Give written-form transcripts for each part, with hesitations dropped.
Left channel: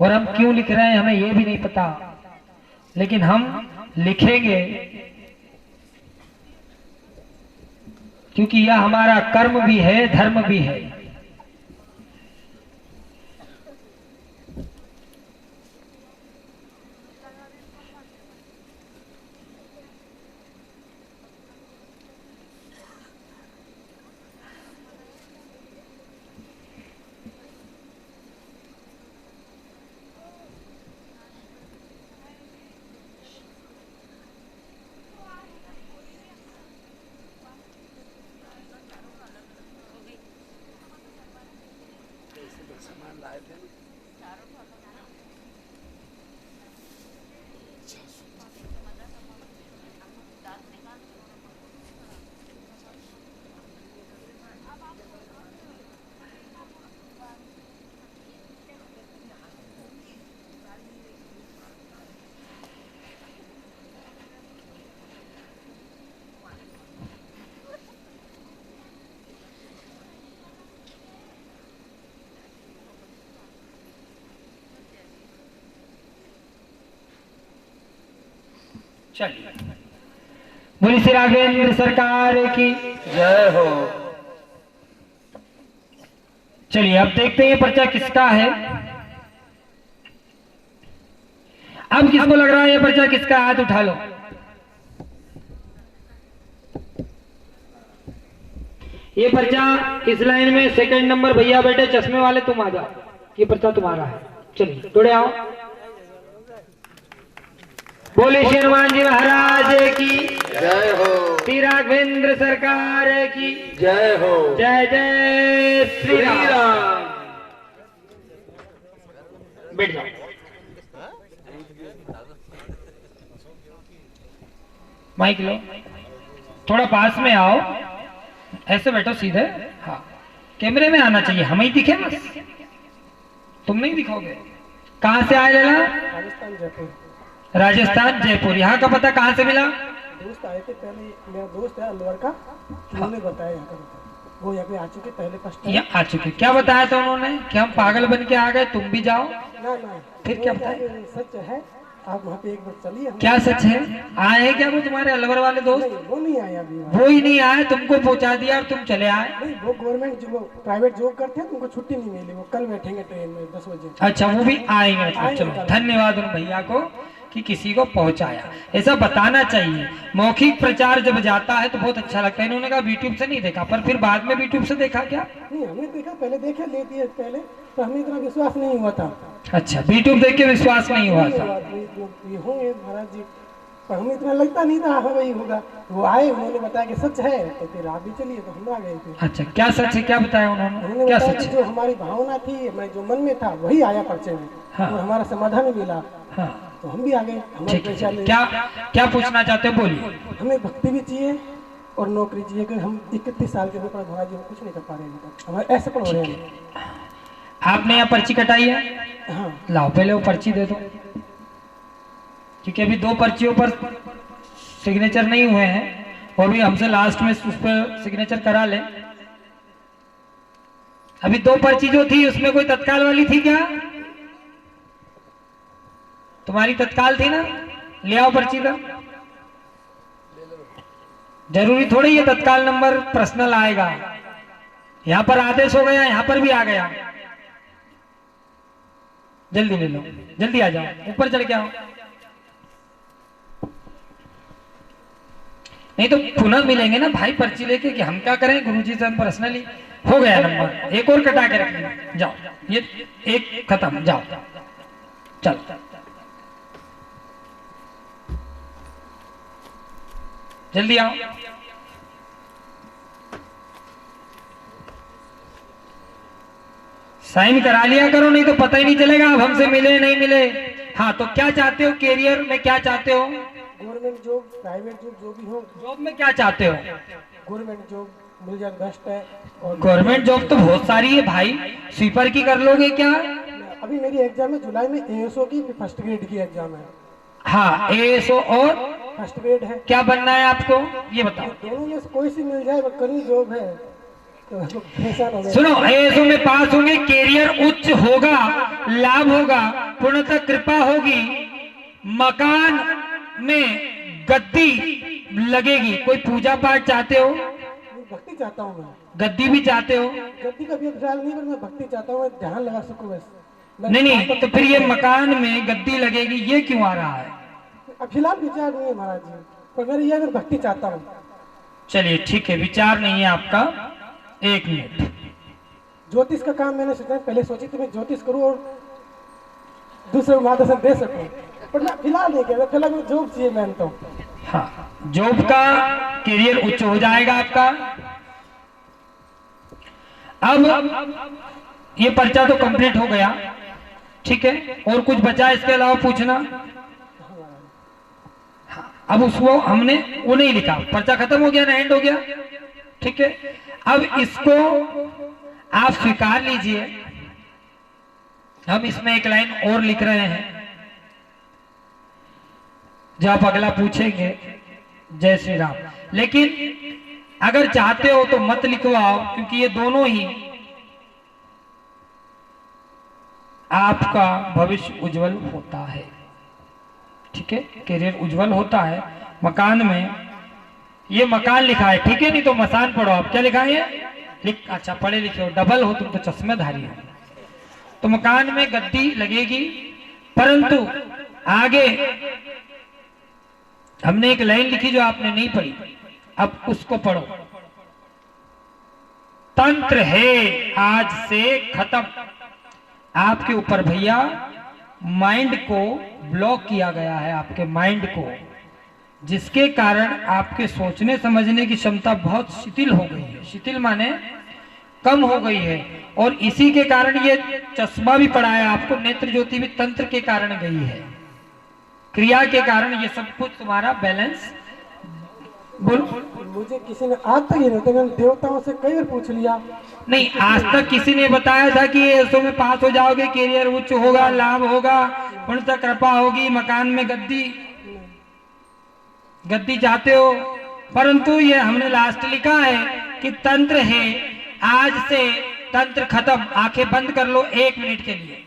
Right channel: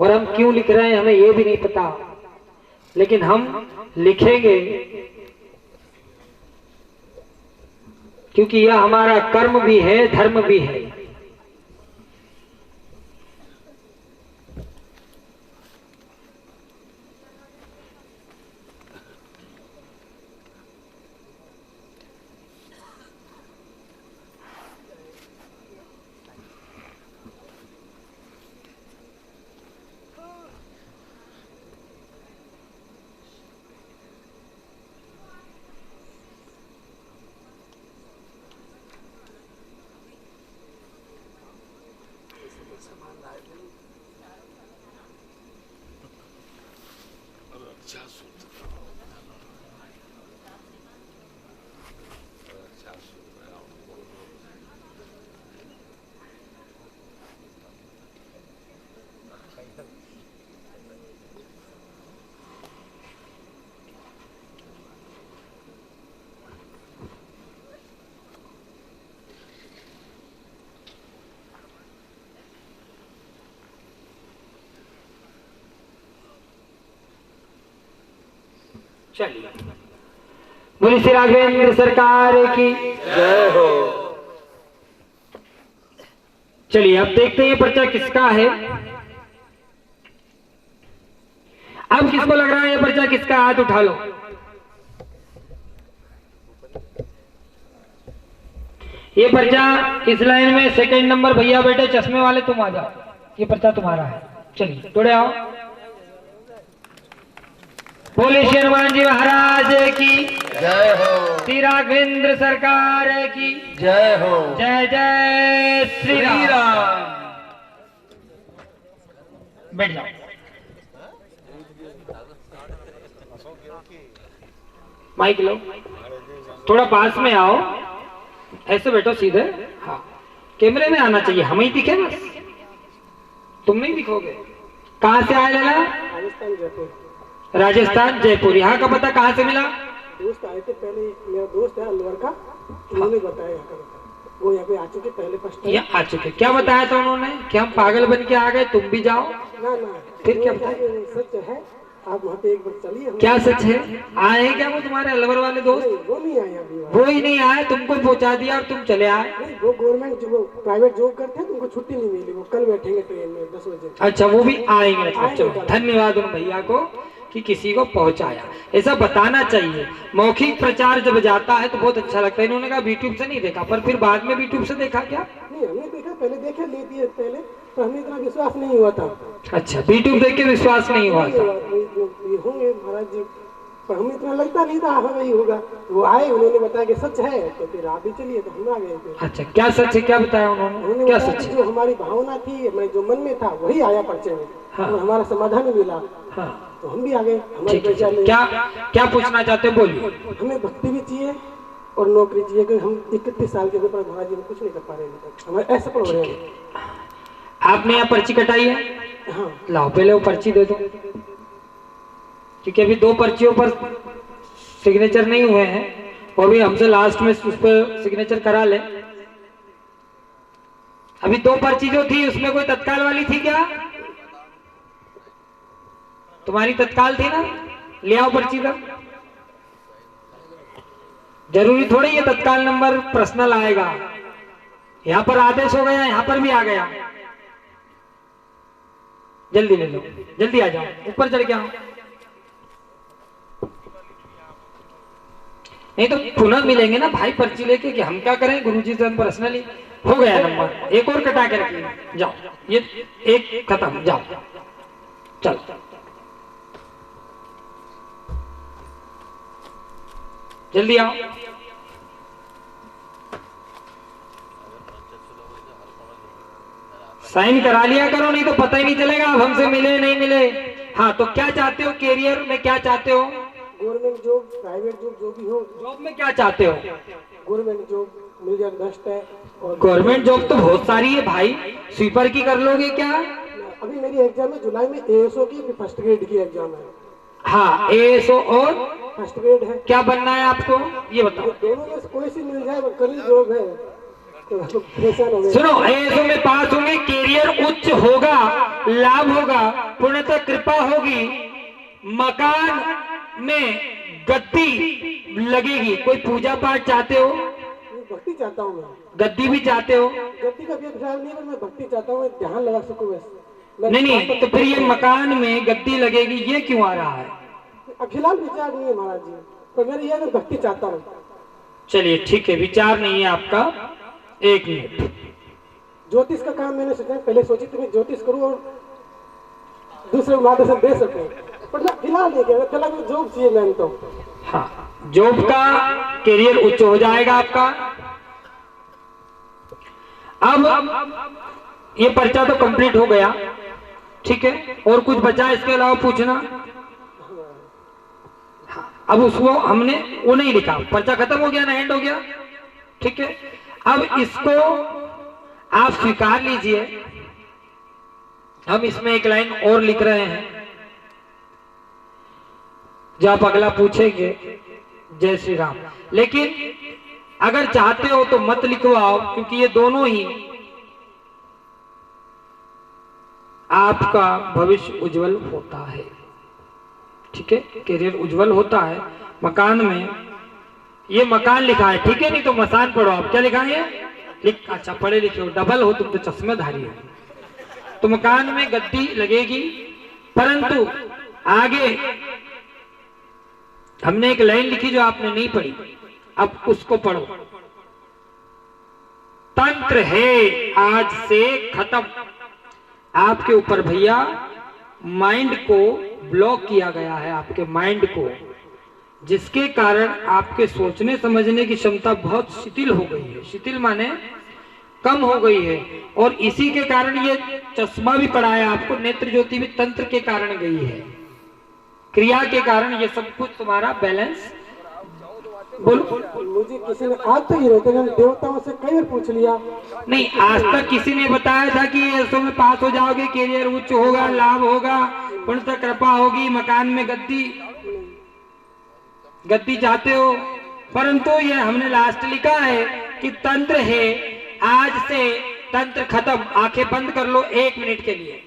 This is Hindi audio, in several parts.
और हम क्यों लिख रहे हैं हमें ये भी नहीं पता, लेकिन हम लिखेंगे क्योंकि यह हमारा कर्म भी है, धर्म भी है। चलिए, बोली श्री राघवेंद्र सरकार की जय हो। चलिए अब देखते हैं पर्चा किसका है। अब किसको लग रहा है ये पर्चा किसका, हाथ उठा लो। ये पर्चा इस लाइन में सेकंड नंबर भैया बैठे चश्मे वाले, तुम आ जाओ, ये पर्चा तुम्हारा है। चलिए जुड़े आओ। बोले श्री हनुमान जी महाराज की जय हो। श्री राघवेंद्र सरकार की जय हो। जय जय श्री राम। बैठ जाओ। माइक लो, थोड़ा पास में आओ, ऐसे बैठो सीधे। हाँ, कैमरे में आना चाहिए, हम ही दिखे बस, तुम नहीं दिखोगे। कहाँ से आए लाला? राजस्थान जयपुर। राजस्थान जयपुर। यहाँ का पता कहाँ से मिला? दोस्त आए थे पहले, मेरा दोस्त है अलवर का, उन्होंने बताया यहाँ का, वो यहाँ पे आ चुके पहले फर्स्ट टाइम। यहाँ आ चुके। क्या बताया था उन्होंने कि हम पागल बन के आ गए, तुम भी जाओ? ना ना, फिर क्या बताया? सच है, आप वहाँ पे एक बार चलिए। क्या सच है? आए हैं क्या वो तुम्हारे अलवर वाले दोस्त? नहीं, वो नहीं आया अभी। वो ही नहीं आए, तुमको पहुंचा दिया और तुम चले आए? नहीं, वो गवर्नमेंट जो प्राइवेट जॉब करते हैं उनको छुट्टी नहीं मिली, वो कल बैठेंगे ट्रेन में 10 बजे। अच्छा, वो भी आएंगे। चलो धन्यवाद उन भैया को कि किसी को पहुंचाया। ऐसा बताना चाहिए, मौखिक प्रचार जब जाता है तो बहुत अच्छा लगता है। इन्होंने कहा यूट्यूब से नहीं देखा, पर फिर बाद में यूट्यूब से देखा क्या? नहीं, हमने देखा, पहले देखा लेती है पहले, तो हमें इतना विश्वास नहीं हुआ था। अच्छा, यूट्यूब देख के विश्वास नहीं हुआ था? ये होंगे महाराज जी, पर हमें इतना लगता नहीं था हाँ वही होगा। वो आए, उन्होंने बताया कि सच है, तो फिर आप भी चलिए, तो हम आ गए थे। अच्छा, क्या सच है, क्या बताया उन्होंने? क्या सच है? जो हमारी भावना थी, मैं जो मन में था वही आया पर्चे में। हाँ। और हमारा समाधान मिला। हाँ, तो हम भी आ गए। ठीक है। क्या क्या पूछना चाहते हो, बोलिए। हमें भक्ति भी चाहिए और नौकरी चाहिए, कि हम 31 साल के ऊपर महाराज जी कुछ नहीं कर पा रहे हैं, हमारे ऐसे पर हो रहे हैं। आपने यहाँ पर्ची कटाई है? हाँ। लाओ पहले वो पर्ची दे दो, क्योंकि अभी 2 पर्चियों पर सिग्नेचर नहीं हुए हैं, वो भी हमसे लास्ट में उस पर सिग्नेचर करा ले। अभी 2 पर्ची जो थी उसमें कोई तत्काल वाली थी क्या? तुम्हारी तत्काल थी ना? ले आओ पर्ची का। जरूरी थोड़ी है तत्काल नंबर पर्सनल आएगा। यहाँ पर आदेश हो गया, यहाँ पर भी आ गया। जल्दी ले लो, जल्दी आ जाओ, ऊपर चढ़ के आओ। नहीं तो पुनः मिलेंगे ना भाई पर्ची लेके, कि हम क्या करें, गुरुजी से हम पर्सनली। हो गया नंबर, एक और कटा के रखिए। जाओ, ये एक खत्म, जाओ चलो। जल्दी आओ। साइन करा लिया करो, नहीं तो पता ही नहीं चलेगा अब हमसे मिले नहीं मिले। हाँ, तो क्या चाहते हो, कैरियर में क्या चाहते हो? गवर्नमेंट जॉब, प्राइवेट जॉब, जो भी हो। जॉब में क्या चाहते हो? गवर्नमेंट जॉब मिल जाए बेस्ट है। और गवर्नमेंट जॉब तो बहुत सारी है भाई, स्वीपर की कर लोगे क्या? अभी मेरी एग्जाम है जुलाई में, एएसओ की फर्स्ट ग्रेड की एग्जाम है। हाँ, एएसओ और फर्स्ट ग्रेड है। क्या बनना है आपको, ये बताओ। दोनों में से कोई सी मिल जाए, करी जॉब है तो सुनो, एएसओ में पास होंगे, कैरियर उच्च होगा, लाभ होगा, पूर्णतः कृपा होगी, मकान में गद्दी लगेगी। कोई पूजा पाठ चाहते हो? भक्ति चाहता हूँ मैं। गद्दी भी चाहते हो? गद्दी का भी ख्याल नहीं, मैं भक्ति चाहता हूँ, मैं ध्यान लगा सकूँ वैसे। नहीं, तो फिर ये मकान में गद्दी लगेगी, ये क्यों आ रहा है? अब फिलहाल विचार नहीं है महाराज जी, तो मेरी यह मैं भक्ति चाहता हूँ। चलिए ठीक है, विचार नहीं है आपका, 1 मिनट। ज्योतिष का काम मैंने सोचा, पहले सोची थी मैं ज्योतिष करूँ और दूसरे को मार्गदर्शन दे सकूँ, पर मैं फिलहाल नहीं किया। फिलहाल जॉब चाहिए मैंने तो। हाँ, जॉब का करियर उच्च हो जाएगा आपका। अब ये पर्चा तो कंप्लीट हो गया, ठीक है, और कुछ बचा इसके अलावा पूछना? हाँ, अब उसको हमने वो नहीं लिखा, पर्चा खत्म हो गया ना, एंड हो गया, ठीक है। अब इसको आप स्वीकार लीजिए। हम इसमें एक लाइन और लिख रहे हैं, जो आप अगला पूछेंगे, जय श्री राम। लेकिन अगर चाहते हो तो मत लिखवाओ, क्योंकि ये दोनों ही आपका भविष्य उज्जवल होता है, ठीक है, करियर उज्जवल होता है। मकान में ये मकान लिखा है, ठीक है, नहीं तो मसान पढ़ो आप। क्या लिखा है? लिख, अच्छा पढ़े लिखे हो, डबल हो तुम तो, चश्मेधारी हो। तो मकान में गद्दी लगेगी, परंतु आगे हमने एक लाइन लिखी जो आपने नहीं पढ़ी, अब उसको पढ़ो। तंत्र है आज से खत्म। आपके ऊपर भैया माइंड को ब्लॉक किया गया है, आपके माइंड को, जिसके कारण आपके सोचने समझने की क्षमता बहुत शिथिल हो गई है। शिथिल माने कम हो गई है, और इसी के कारण ये चश्मा भी पड़ा है आपको। नेत्र ज्योति भी तंत्र के कारण गई है, क्रिया के कारण ये सब कुछ तुम्हारा बैलेंस। बोलो। मुझे किसी ने आज तक ही रहते, मैंने देवताओं से कई बार पूछ लिया। नहीं, आज तक किसी ने बताया था कि ऐसो में पास हो जाओगे, करियर उच्च होगा, लाभ होगा, पूर्णतः कृपा होगी, मकान में गद्दी चाहते हो, परंतु ये हमने लास्ट लिखा है कि तंत्र है आज से तंत्र खत्म। आंखें बंद कर लो 1 मिनट के लिए।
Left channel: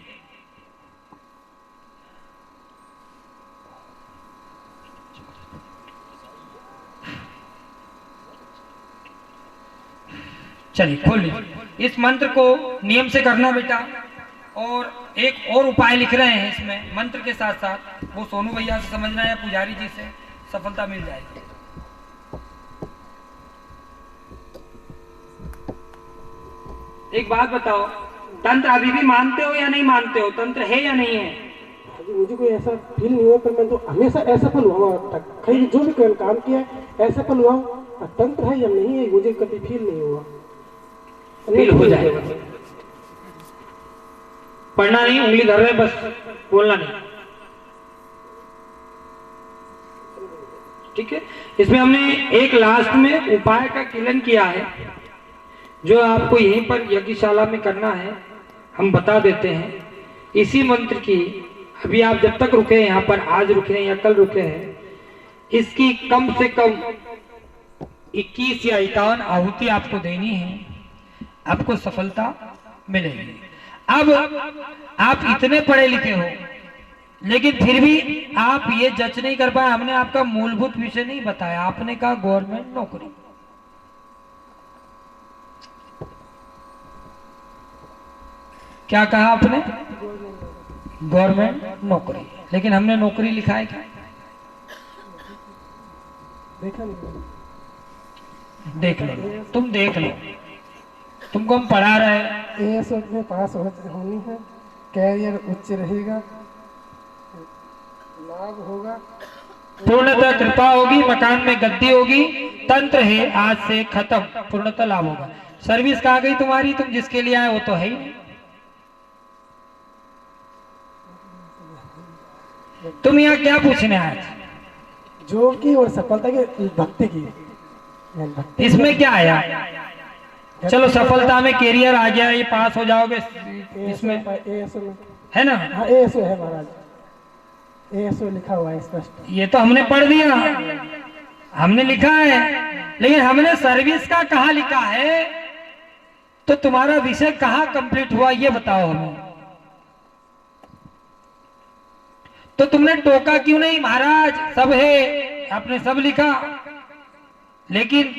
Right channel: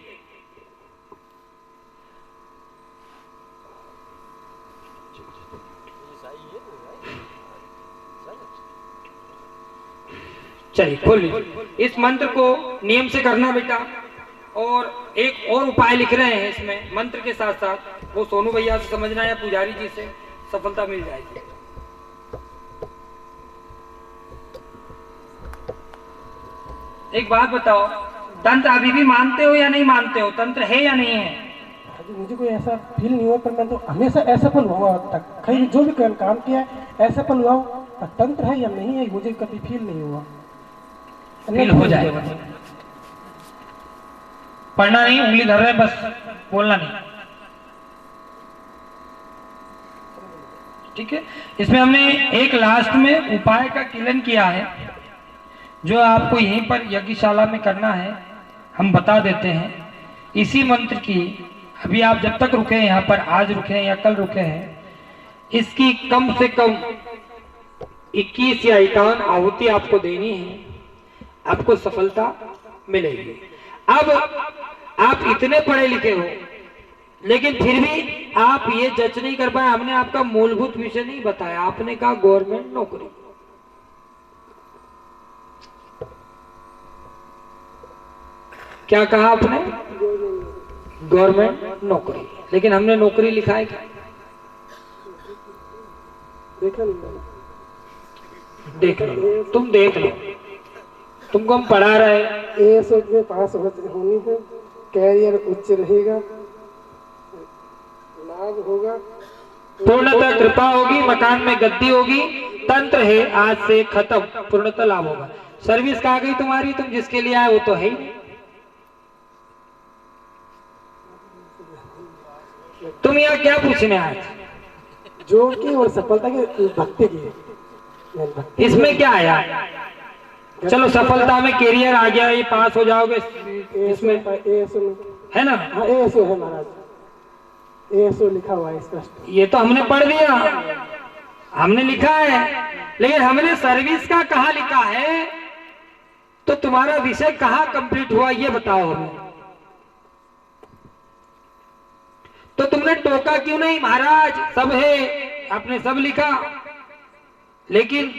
चलिए खोल लीजिए। इस मंत्र को नियम से करना बेटा, और एक और उपाय लिख रहे हैं इसमें मंत्र के साथ साथ, वो सोनू भैया से समझना है, पुजारी जी से, सफलता मिल जाएगी। एक बात बताओ, तंत्र अभी भी मानते हो या नहीं मानते हो? तंत्र है या नहीं है? अभी मुझे कोई ऐसा फील नहीं हुआ, पर मैं तो हमेशा असफल हुआ अब तक। कहीं जो भी काम किया असफल हुआ, तंत्र है या नहीं है मुझे कभी फील नहीं हुआ। फील हो जाएगा। पढ़ना नहीं, उंगली धर रहे, बस बोलना नहीं, ठीक है। इसमें हमने एक लास्ट में उपाय का किलन किया है, जो आपको यहीं पर यज्ञशाला में करना है, हम बता देते हैं। इसी मंत्र की अभी आप जब तक रुके हैं यहाँ पर, आज रुके हैं या कल रुके हैं, इसकी कम से कम 21 या 51 आहुति आपको देनी है, आपको सफलता मिलेगी। अब आप इतने पढ़े लिखे हो, लेकिन फिर भी आप ये जज नहीं कर पाए। हमने आपका मूलभूत विषय नहीं बताया, आपने कहा गवर्नमेंट नौकरी। क्या कहा आपने? गवर्नमेंट नौकरी, लेकिन हमने नौकरी लिखा है क्या? देखा नहीं। देख लो, तुम देख लो, तुमको हम पढ़ा रहे हैं। एएसओ में पास होनी है, कैरियर उच्च रहेगा, लाभ होगा, पूर्णतः कृपा होगी, मकान में गद्दी होगी, तंत्र है आज से खत्म, पूर्णतः लाभ होगा। सर्विस कहाँ गई तुम्हारी? तुम जिसके लिए आए वो तो है ही। तुम यहाँ क्या पूछने आए? जो की और सफलता की, भक्ति की। इसमें क्या आया? चलो सफलता में कैरियर आ गया, ये पास हो जाओगे इसमें, है ना? हाँ एएसओ है महाराज, एएसओ लिखा हुआ है स्पष्ट। ये तो हमने पढ़ लिया, हमने लिखा है, लेकिन हमने सर्विस का कहाँ लिखा है? तो तुम्हारा विषय कहाँ कंप्लीट हुआ ये बताओ हमें। तो तुमने टोका क्यों नहीं? महाराज सब है, आपने सब लिखा, लेकिन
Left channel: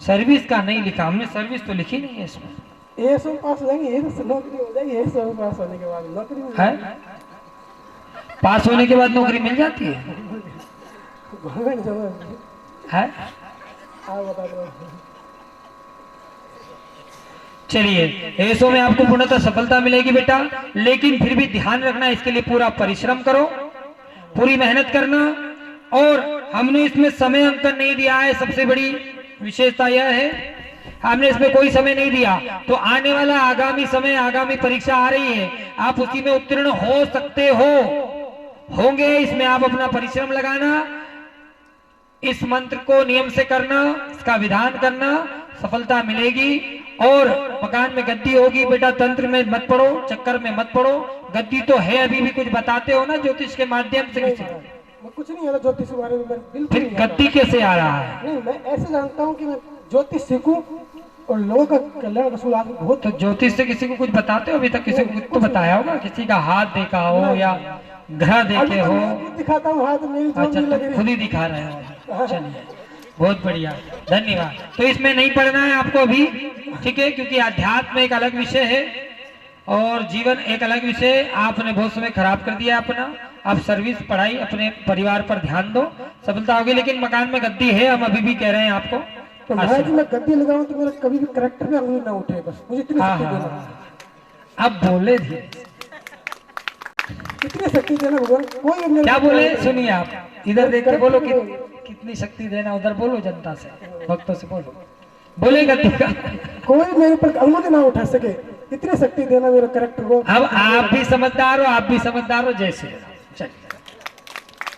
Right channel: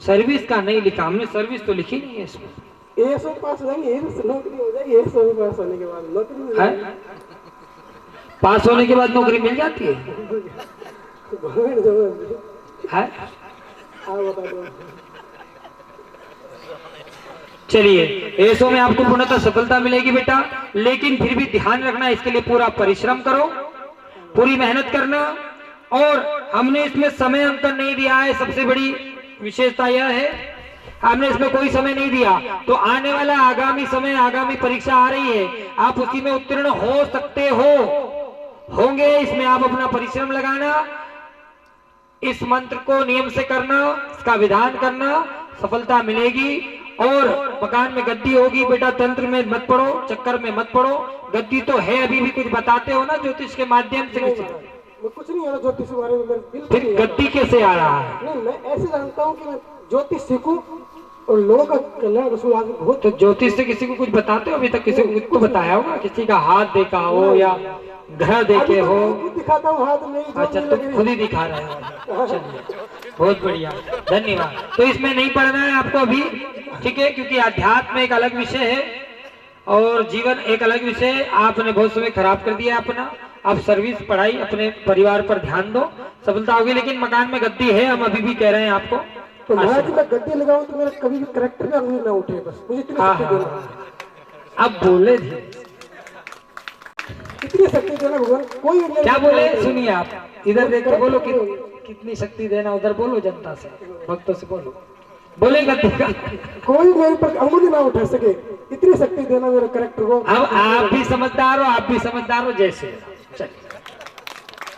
सर्विस का नहीं लिखा। हमने सर्विस तो लिखी नहीं है इसमें। एएसओ पास हो जाएंगे, नौकरी हो जाएगी। एएसओ पास होने के बाद नौकरी हो है? जाएगी। पास होने के बाद नौकरी मिल जाती है? गवर्नमेंट जॉब है? आप बता दो। चलिए, एएसओ में आपको पूर्णतः सफलता मिलेगी बेटा, लेकिन फिर भी ध्यान रखना, इसके लिए पूरा परिश्रम करो, पूरी मेहनत करना। और हमने इसमें समय अंकन नहीं दिया है, सबसे बड़ी विशेषता यह है, हमने इसमें कोई समय नहीं दिया। तो आने वाला आगामी समय, आगामी परीक्षा आ रही है, आप उसी में उत्तीर्ण हो सकते होंगे। इसमें आप अपना परिश्रम लगाना, इस मंत्र को नियम से करना, इसका विधान करना, सफलता मिलेगी। और मकान में गद्दी होगी बेटा, तंत्र में मत पढ़ो, चक्कर में मत पढ़ो। गद्दी तो है, अभी भी कुछ बताते हो ना ज्योतिष के माध्यम से? मैं कुछ नहीं आता ज्योतिष के बारे में, मैं बिल्कुल फिर नहीं गद्दी कैसे आ रहा है? नहीं, मैं ऐसे जानता हूँ कि मैं ज्योतिष सीखूं और लोगों का कल्याण रसूल आदमी बहुत। तो ज्योतिष से किसी को कुछ बताते हो? अभी तक किसी को कुछ तो बताया होगा, किसी का हाथ देखा हो या ग्रह देखे हो? खुद दिखाता हूँ हाथ में। अच्छा, तो खुद ही दिखा रहे हो। चलिए, बहुत बढ़िया, धन्यवाद। तो इसमें नहीं पढ़ना है आपको अभी, ठीक है, क्योंकि अध्यात्म एक अलग विषय है और जीवन एक अलग विषय है। आपने बहुत समय खराब कर दिया अपना। आप सर्विस, पढ़ाई, अपने परिवार पर ध्यान दो, सफलता होगी। लेकिन मकान में गद्दी है, हम अभी भी कह रहे हैं आपको। तो महाराज मैं गद्दी लगाऊं तो मेरा कभी भी करेक्टर में अंगुली ना उठे, बस मुझे इतनी हाँ शक्ति हाँ, देना। अब बोले थे, इतनी शक्ति देना भगवान। कोई अन्य क्या बोले? सुनिए आप, इधर देखकर बोलो कितनी शक्ति देना, उधर बोलो जनता से, भक्तों से बोलो, बोले गद्दी का। कोई मेरे पर अंगुली ना उठा सके, इतनी शक्ति देना मेरे करेक्टर को। अब आप भी समझदार हो, आप भी समझदार हो, जैसे चलिए।